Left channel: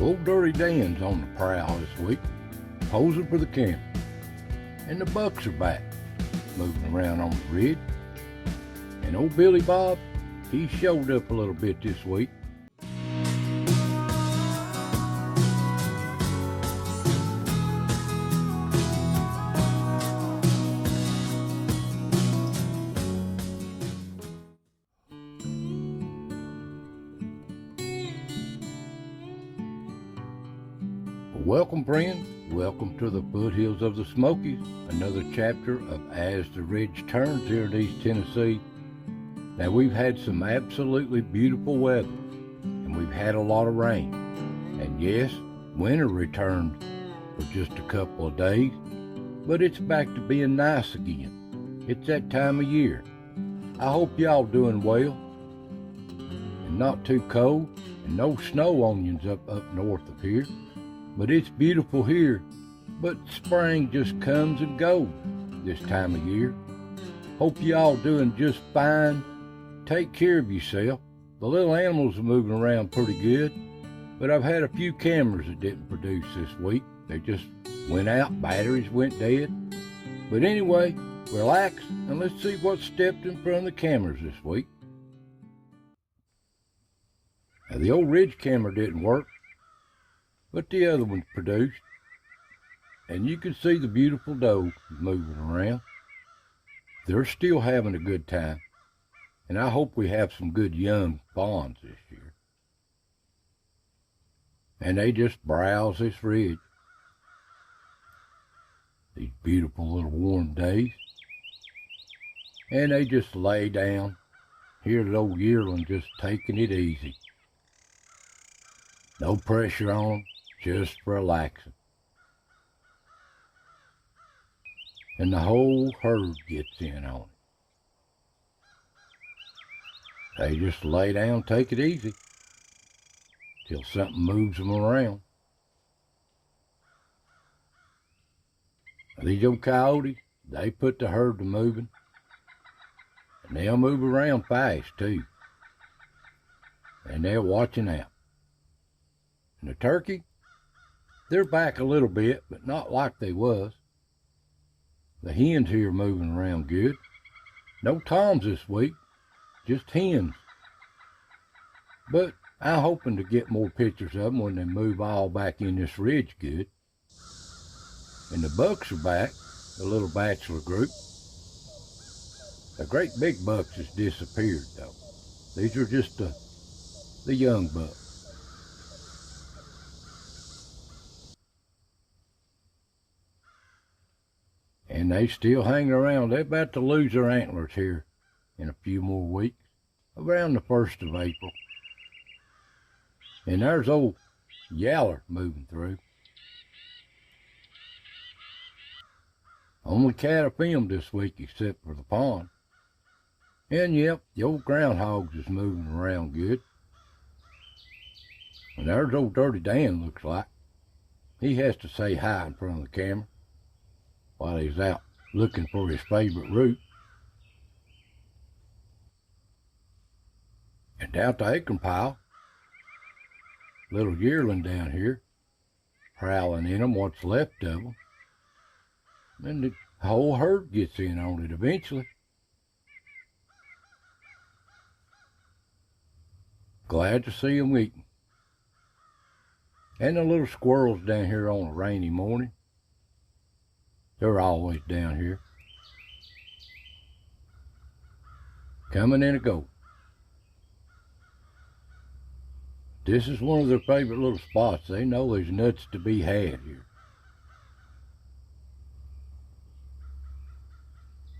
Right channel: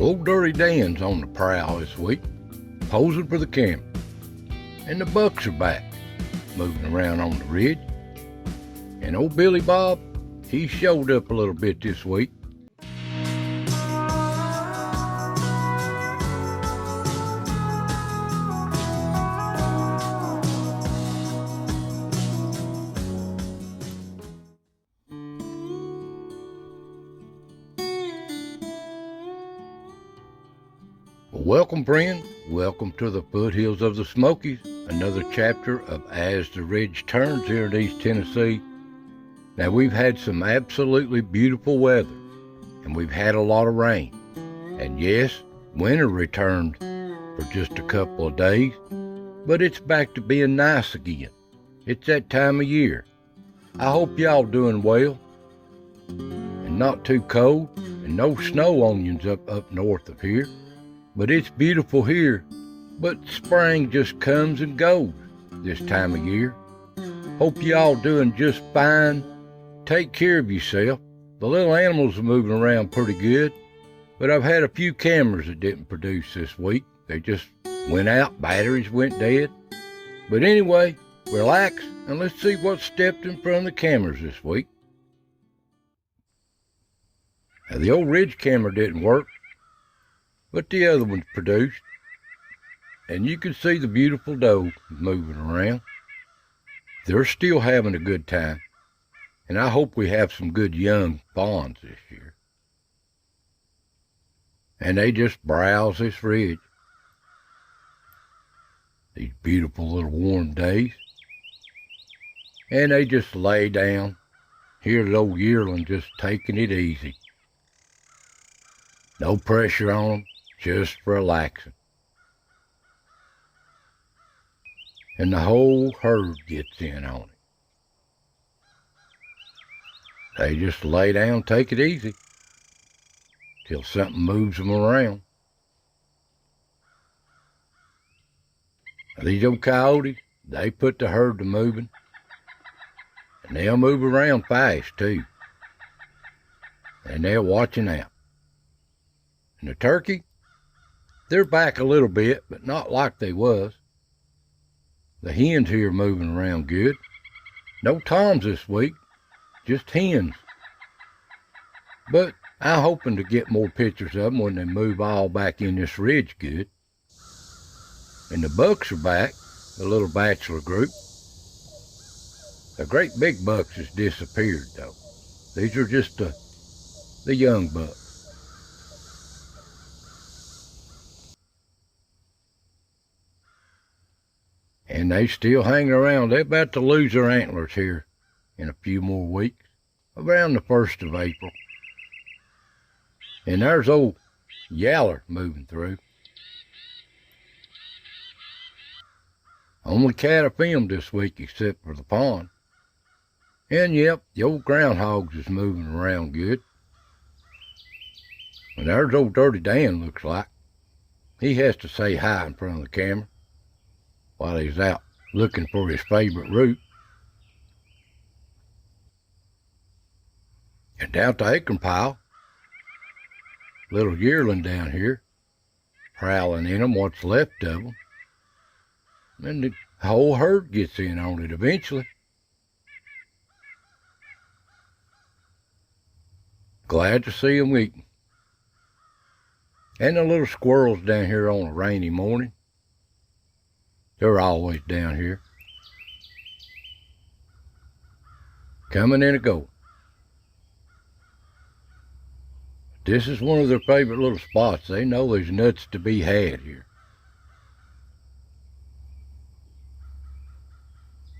Old Dirty Dan's on the prowl this week, posing for the camera. And the bucks are back, moving around on the ridge. And old Billy Bob, he showed up a little bit this week. Welcome, friend. Welcome to the foothills of the Smokies, another chapter of As the Ridge Turns here in East Tennessee. Now, we've had some absolutely beautiful weather, and we've had a lot of rain. And yes, winter returned for just a couple of days, but it's back to being nice again. It's that time of year. I hope y'all doing well, and not too cold, and no snow onions up north of here. But it's beautiful here, but spring just comes and goes this time of year. Hope y'all doing just fine. Take care of yourself. The little animals are moving around pretty good, but I've had a few cameras that didn't produce this week. They just went out, batteries went dead. But anyway, relax and let's see what stepped in front of the cameras this week. Now, the old ridge camera didn't work, but the other ones produced, and you can see the beautiful doe moving around. They're still having a good time, and I hope we have some good young fawns this year. And they just browse this ridge. These beautiful little warm days. And they just lay down. Here's the old yearling just taking it easy. No pressure on them. Just relaxing. And the whole herd gets in on it. They just lay down, take it easy, till something moves them around. Now, these old coyotes, they put the herd to moving, and they'll move around fast too. And they're watching out. And the turkey, they're back a little bit, but not like they was. The hens here are moving around good. No toms this week, just hens. But I'm hoping to get more pictures of them when they move all back in this ridge good. And the bucks are back, the little bachelor group. The great big bucks has disappeared though. These are just the young bucks. And they still hanging around. They're about to lose their antlers here in a few more weeks, around the 1st of April. And there's old Yaller moving through. Only cat I filmed this week except for the pond. And yep, the old groundhogs is moving around good. And there's old Dirty Dan looks like. He has to say hi in front of the camera while he's out looking for his favorite root. And down at the acorn pile, little yearling down here, prowling in them, what's left of them. And the whole herd gets in on it eventually. Glad to see them eating. And the little squirrels down here on a rainy morning. They're always down here. Coming in a go. This is one of their favorite little spots. They know there's nuts to be had here.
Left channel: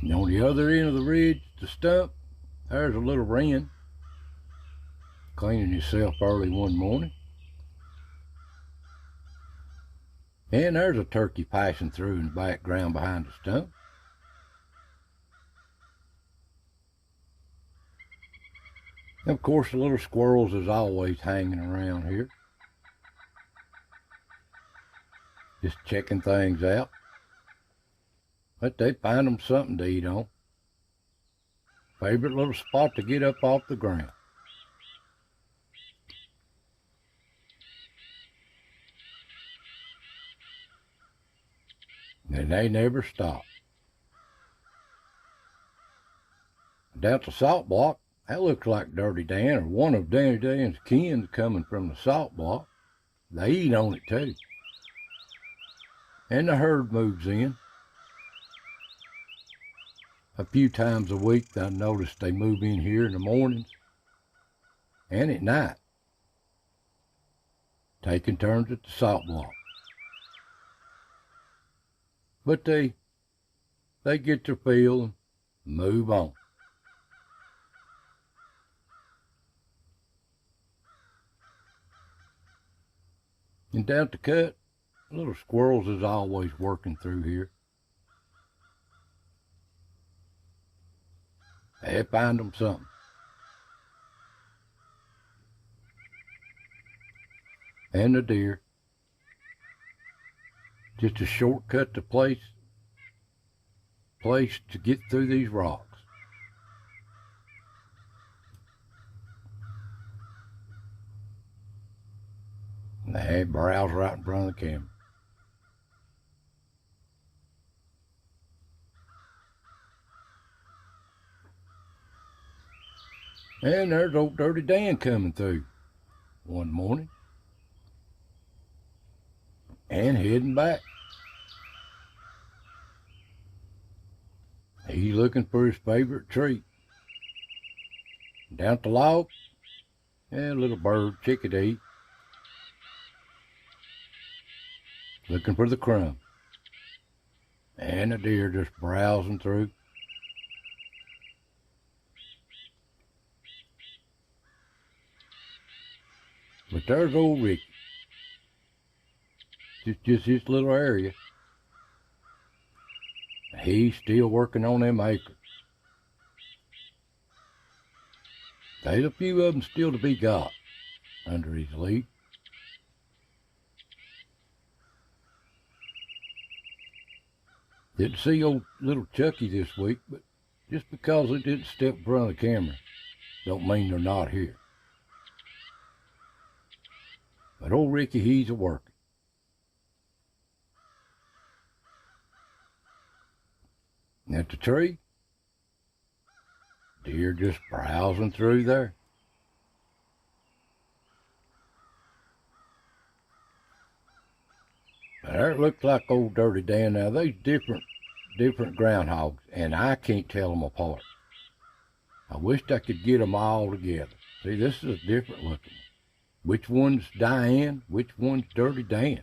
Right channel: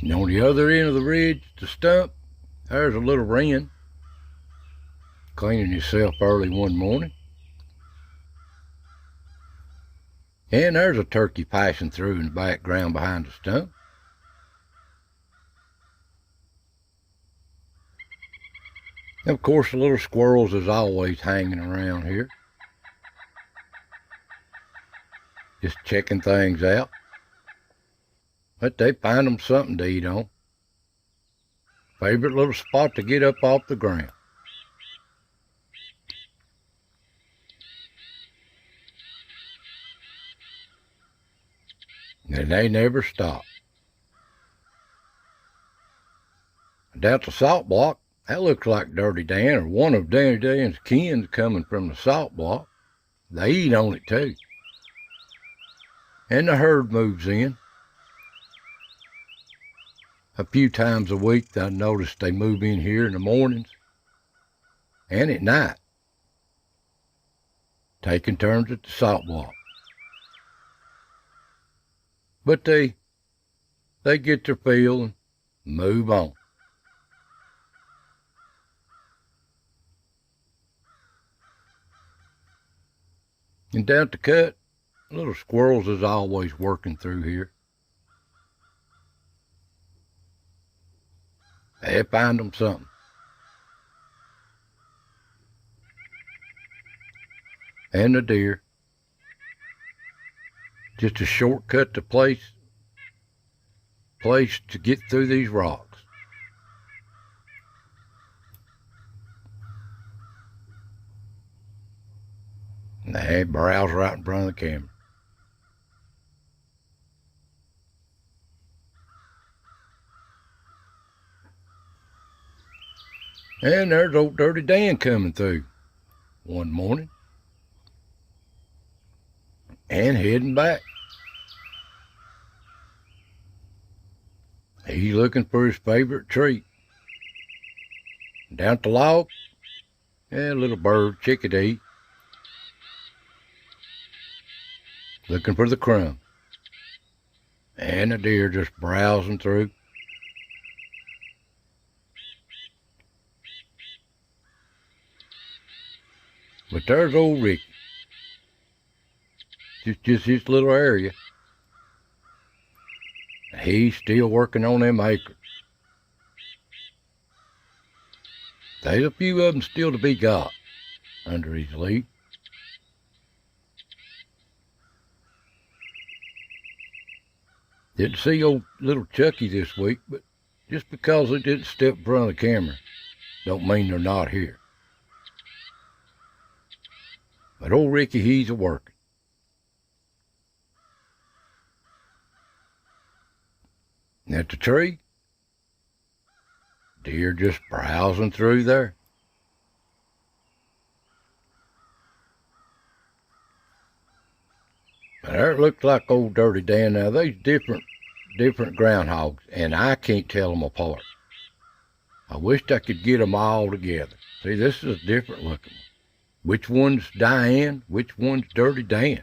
And on the other end of the ridge, the stump, there's a little wren cleaning himself early one morning. And there's a turkey passing through in the background behind the stump. And of course, the little squirrels is always hanging around here, just checking things out. But they find them something to eat on. Favorite little spot to get up off the ground. and they never stop. Down the salt block, that looks like Dirty Dan or one of Danny Dan's kin coming from the salt block. They eat on it too. And the herd moves in. A few times a week I noticed they move in here in the mornings and at night, taking turns at the salt block. But they get their fill and move on. And down at the cut, little squirrels is always working through here. They find them something. And the deer. Just a shortcut to place to get through these rocks. And they browse right in front of the camera. And there's old Dirty Dan coming through one morning and heading back. He's looking for his favorite treat. Down at the log, a little bird, chickadee, looking for the crumb. And the deer just browsing through. But there's old Ricky. Just his little area. He's still working on them acres. There's a few of them still to be got under his lee. Didn't see old little Chucky this week, but just because they didn't step in front of the camera don't mean they're not here. But old Ricky, he's a-working. And at the tree, deer just browsing through there. But there it looked like old Dirty Dan. Now, there's different groundhogs, and I can't tell them apart. I wished I could get them all together. See, this is a different looking one. Which one's Diane, which one's Dirty Dan,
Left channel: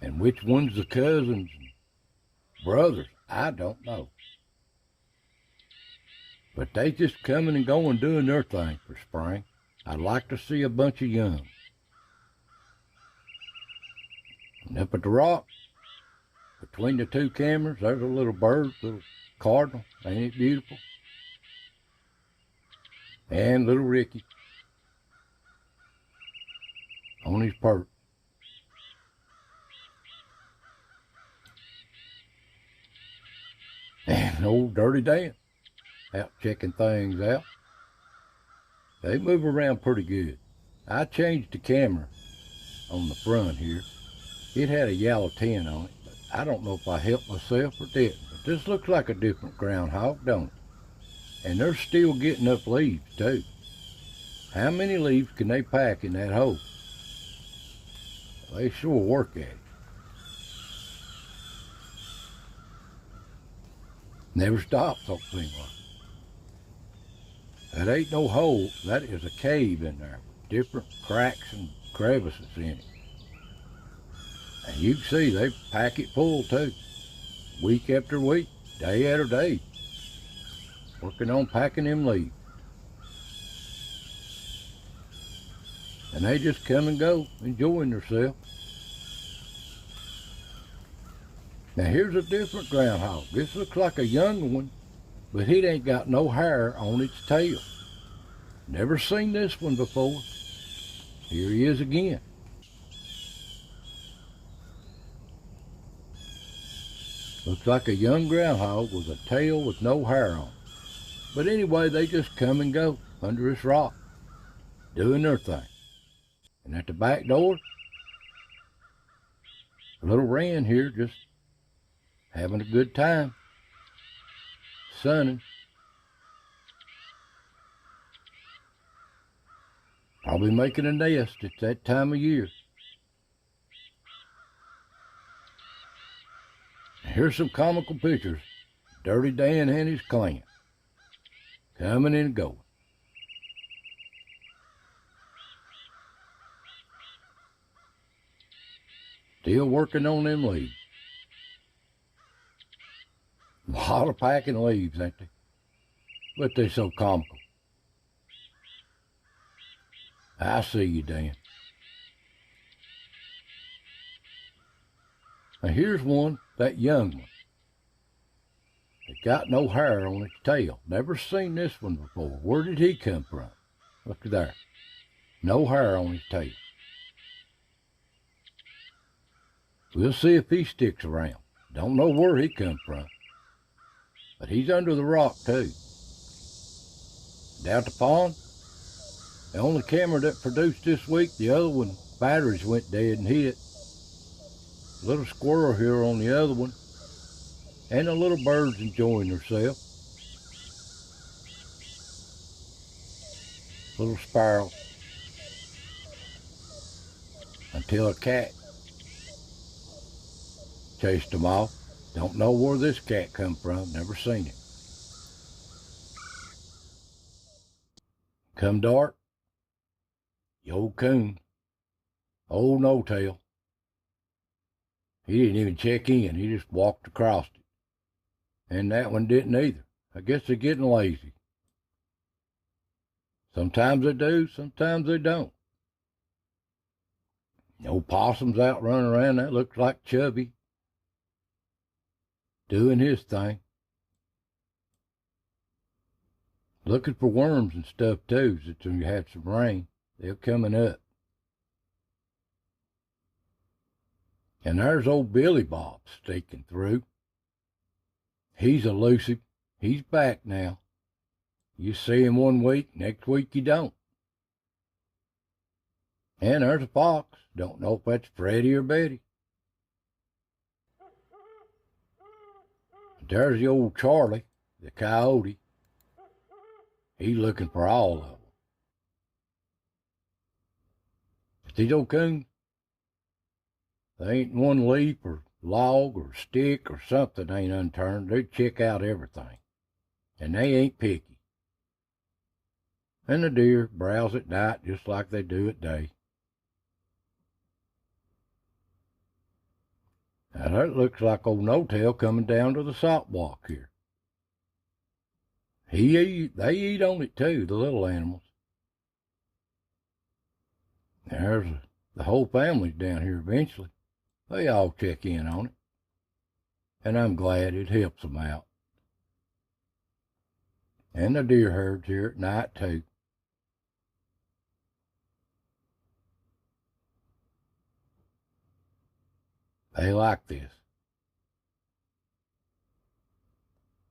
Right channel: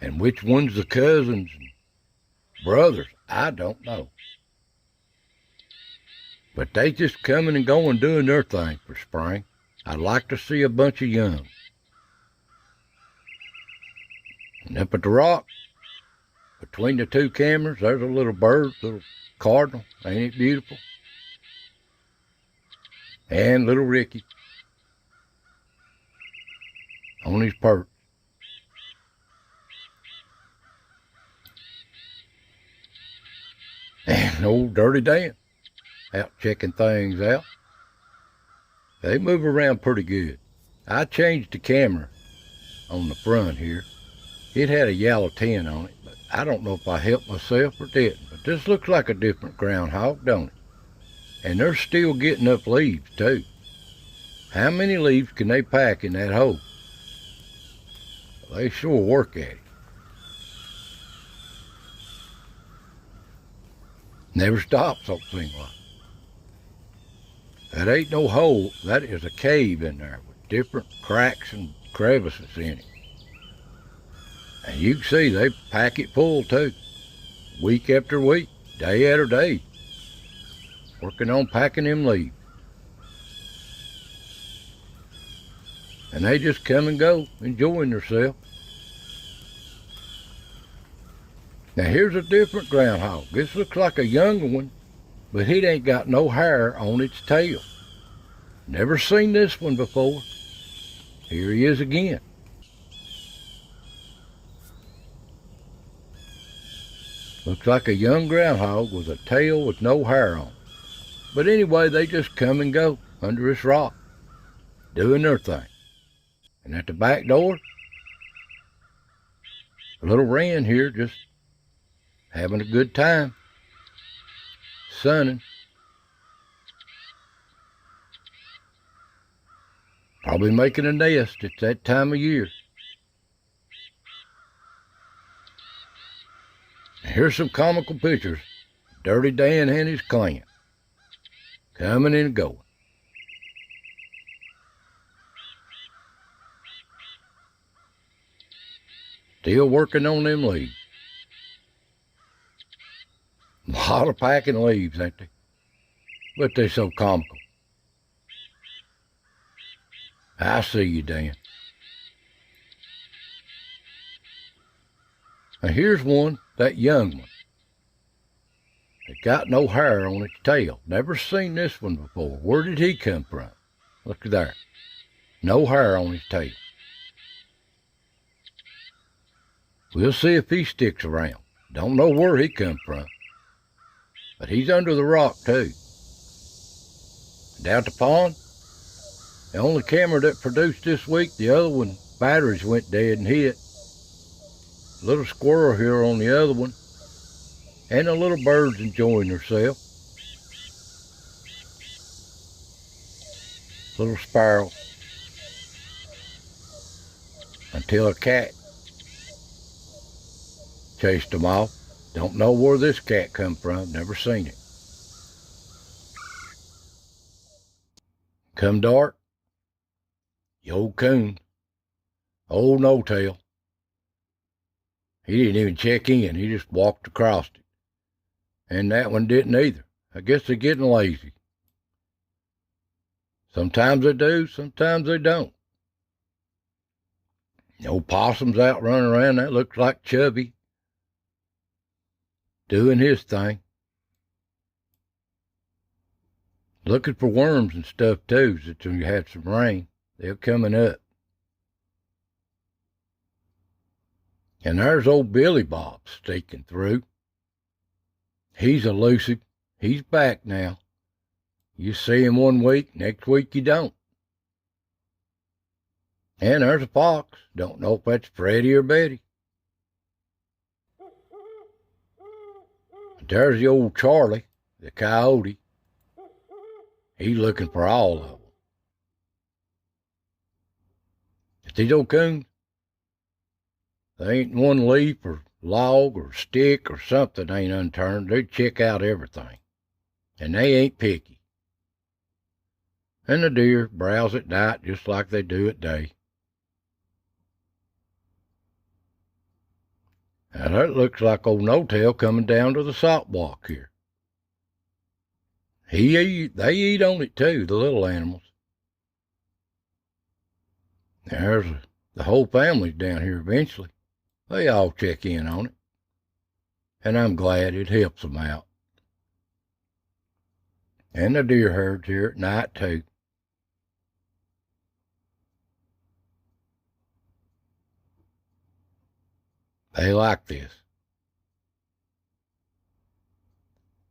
and which one's the cousins and brothers, I don't know. But they just coming and going doing their thing for spring. I'd like to see a bunch of young. And up at the rock, between the two cameras, there's a little bird, little cardinal. Ain't it beautiful? And little Ricky on his perch. And old Dirty Dan out checking things out. They move around pretty good. I changed the camera on the front here. It had a yellow tin on it, but I don't know if I helped myself or didn't. But this looks like a different groundhog, don't it? And they're still getting up leaves too. How many leaves can they pack in that hole? They sure work at it. Never stops, don't seem like. That ain't no hole, that is a cave in there with different cracks and crevices in it. And you can see they pack it full too. Week after week, day after day. Working on packing them leaves. And they just come and go, enjoying themselves. Now here's a different groundhog. This looks like a younger one, but it ain't got no hair on its tail. Never seen this one before. Here he is again. Looks like a young groundhog with a tail with no hair on. But anyway, they just come and go under this rock, doing their thing. And at the back door, a little wren here just having a good time, sunning. Probably making a nest. It's that time of year. Here's some comical pictures. Dirty Dan and his clan. Coming and going. Still working on them leaves. A lot of packing leaves, ain't they? But they're so comical. I see you, Dan. Now here's one, that young one. It got no hair on its tail. Never seen this one before. Where did he come from? Look there. No hair on his tail. We'll see if he sticks around. Don't know where he come from. But he's under the rock, too. Down at the pond, the only camera that produced this week, the other one, batteries went dead and hit. Little squirrel here on the other one. And the little bird's enjoying herself. Little sparrow. Until a cat chased them off. Don't know where this cat come from. Never seen it. Come dark, the old coon, old no-tail. He didn't even check in. He just walked across it. And that one didn't either. I guess they're getting lazy. Sometimes they do, sometimes they don't. The old possum's out running around. That looks like Chubby. Doing his thing. Looking for worms and stuff too, since we had some rain. They're coming up. And there's old Billy Bob sneaking through. He's elusive. He's back now. You see him one week, next week you don't. And there's a fox. Don't know if that's Freddie or Betty. There's the old Charlie, the coyote. He's looking for all of them. But these old coons, they ain't one leaf or log or stick or something ain't unturned. They check out everything. And they ain't picky. And the deer browse at night just like they do at day. Now that looks like old No-Tail coming down to the salt block here. They eat on it too, the little animals. There's the whole family's down here eventually. They all check in on it. And I'm glad it helps them out. And the deer herds here at night too. They like this.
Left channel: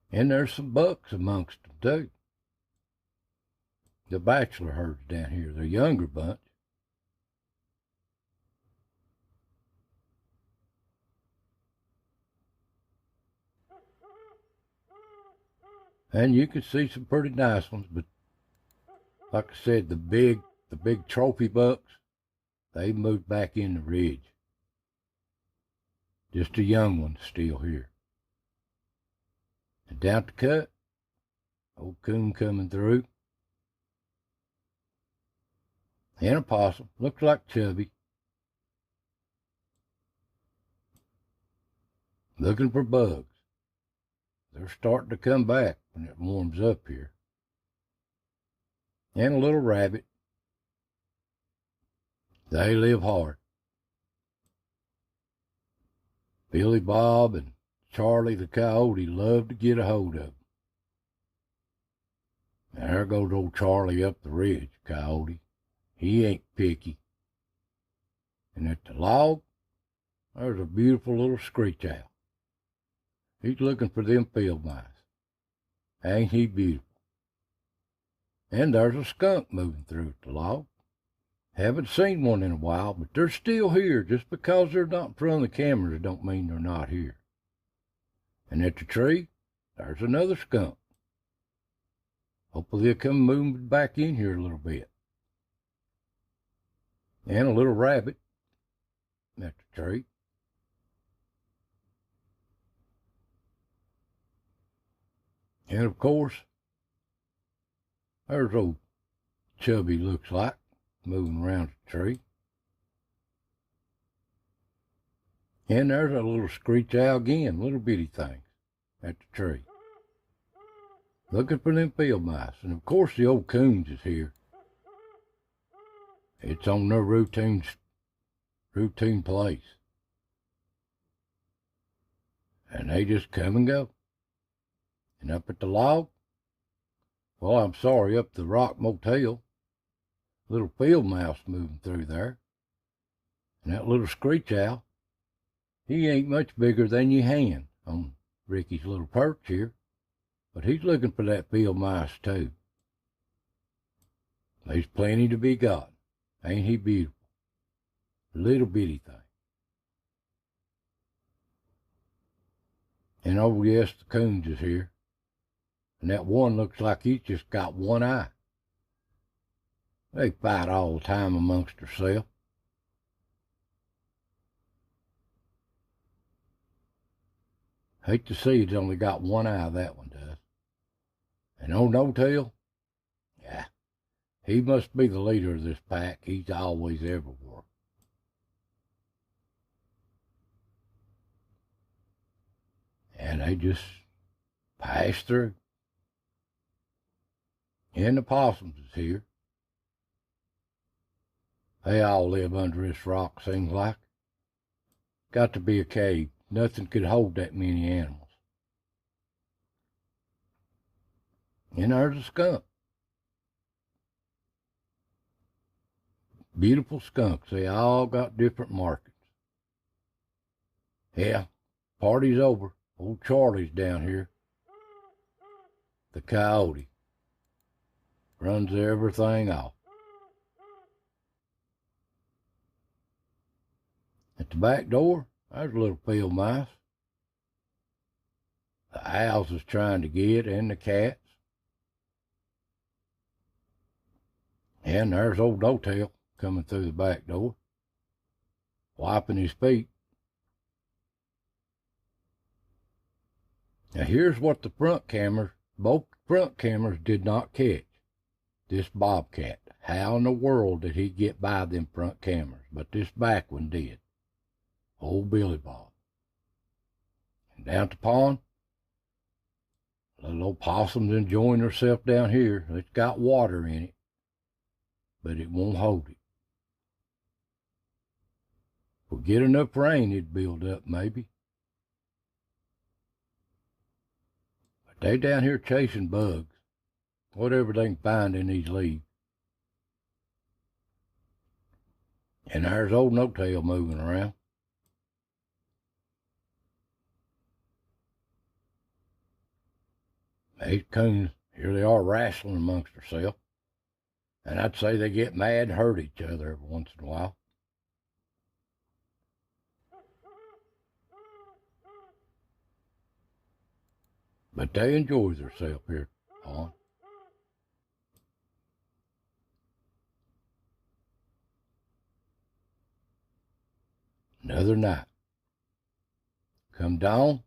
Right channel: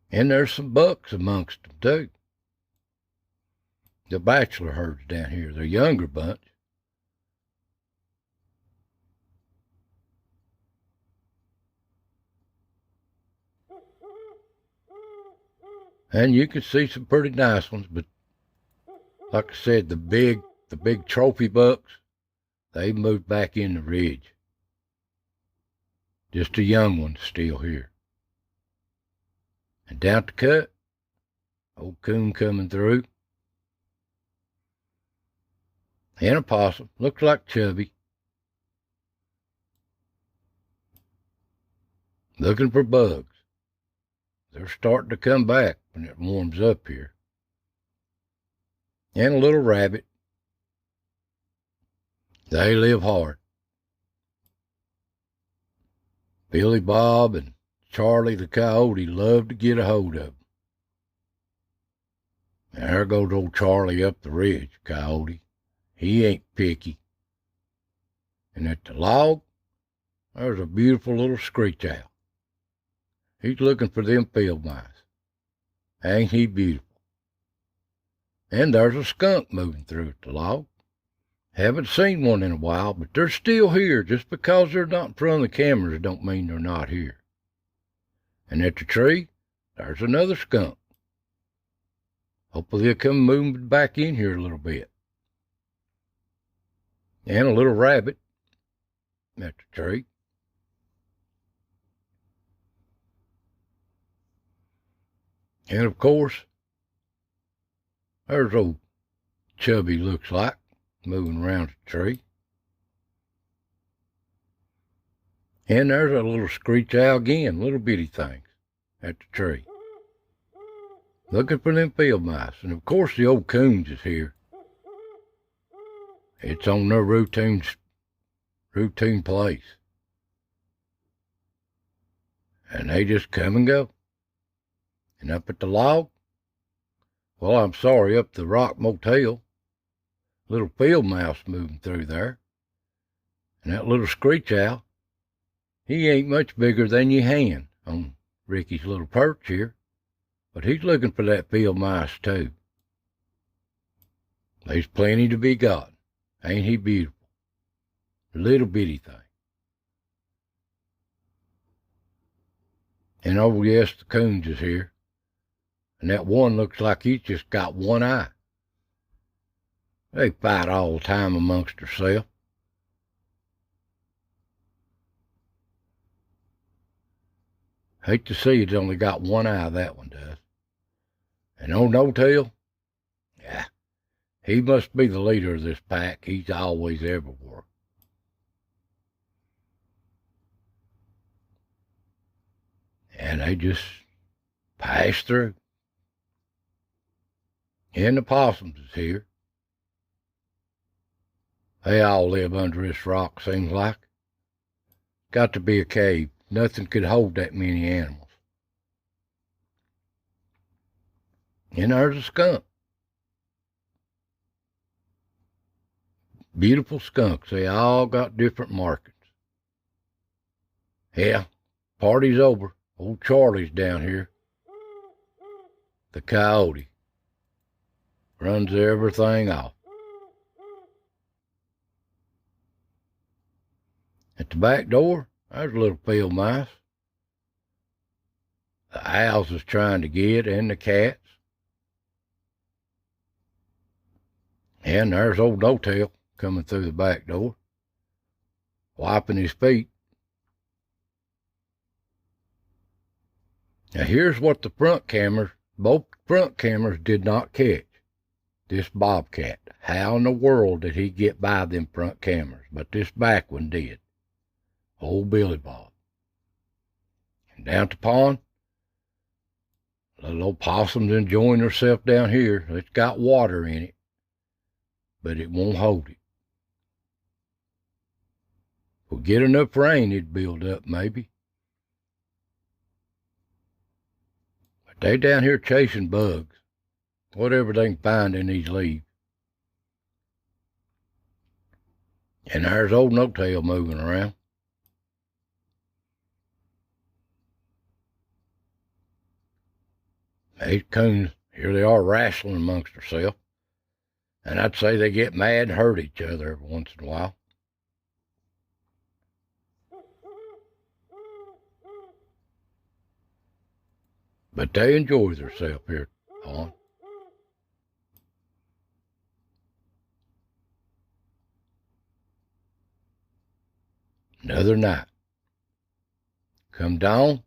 And there's some bucks amongst them too. The bachelor herds down here, the younger bunch. And you can see some pretty nice ones, but like I said, the big trophy bucks, they moved back in the ridge. Just a young one still here. And down the cut, old coon coming through. And a possum, looks like Chubby. Looking for bugs. They're starting to come back when it warms up here. And a little rabbit. They live hard. Billy Bob and Charlie the coyote love to get a hold of them. And there goes old Charlie up the ridge, coyote. He ain't picky. And at the log, there's a beautiful little screech owl. He's looking for them field mice. Ain't he beautiful? And there's a skunk moving through at the log. Haven't seen one in a while, but they're still here. Just because they're not in front of the cameras don't mean they're not here. And at the tree, there's another skunk. Hopefully they'll come moving back in here a little bit. And a little rabbit at the tree. And of course, there's old Chubby looks like, moving around the tree. And there's a little screech owl again, little bitty things at the tree. Looking for them field mice. And of course the old coons is here. It's on their routine place. And they just come and go. And up at the log, well, I'm sorry, up the rock motel, little field mouse moving through there. And that little screech owl, he ain't much bigger than your hand on Ricky's little perch here. But he's looking for that field mouse too. There's plenty to be got. Ain't he beautiful? Little bitty thing. And oh yes, the coons is here. And that one looks like he's just got one eye. They fight all the time amongst themselves. Hate to see it's only got one eye, that one does. And old No Tail, yeah, he must be the leader of this pack. He's always everywhere. And they just pass through. And the possums is here. They all live under this rock, seems like. Got to be a cave. Nothing could hold that many animals. And there's a skunk. Beautiful skunks. They all got different markings. Yeah, party's over. Old Charlie's down here. The coyote. Runs everything off. At the back door, there's a little field mouse. The owls is trying to get, and the cats. And there's old No Tail coming through the back door, wiping his feet. Now here's what the both front cameras did not catch. This bobcat. How in the world did he get by them front cameras? But this back one did. Old Billy Bob. And down at the pond, little old possum's enjoying herself down here. It's got water in it, but it won't hold it. If we get enough rain, it'd build up maybe. But they down here chasing bugs, whatever they can find in these leaves. And there's old No Tail moving around. These coons, here they are wrestling amongst themselves. And I'd say they get mad and hurt each other every once in a while. But they enjoy themselves here on. Another night. Come dawn,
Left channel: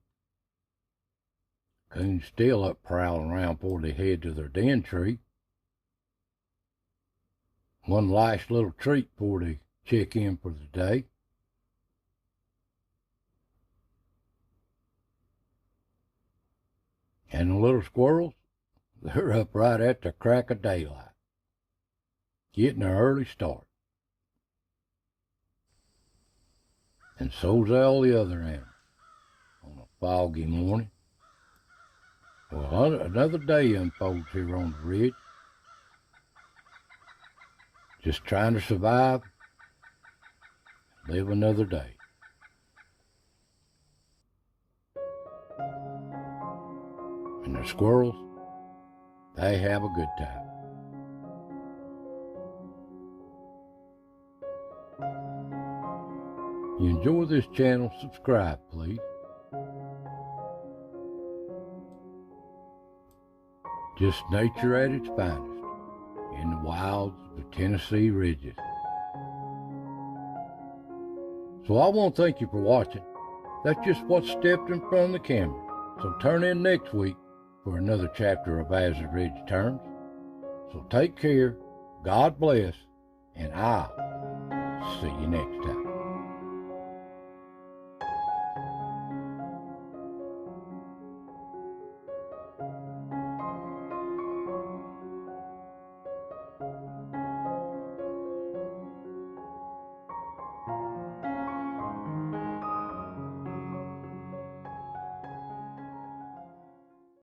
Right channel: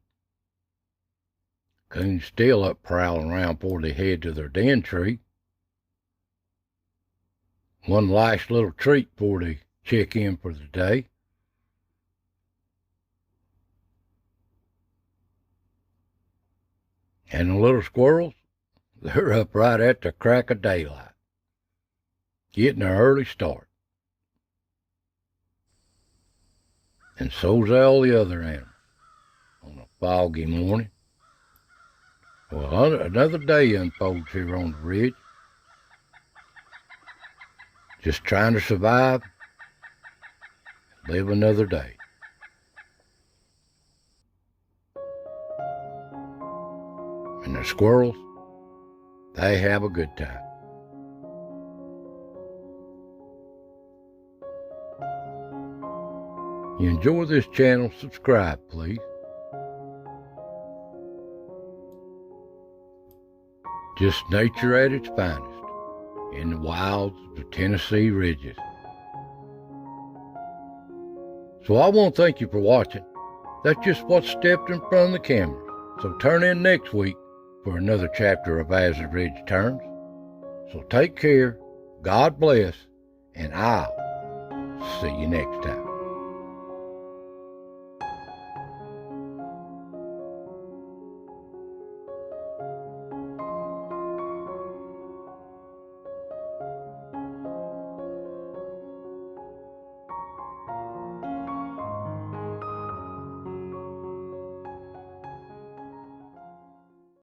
coons still up prowling around before they head to their den tree. One last little treat before they check in for the day. And the little squirrels, they're up right at the crack of daylight, getting an early start. And so's all the other animals on a foggy morning. Well, another day unfolds here on the ridge. Just trying to survive, live another day. And the squirrels, they have a good time. You enjoy this channel, subscribe please. Just nature at its finest in the wilds of the Tennessee ridges. So I want to thank you for watching. That's just what stepped in front of the camera. So turn in next week for another chapter of As the Ridge Turns. So take care, God bless, and I'll see you next time.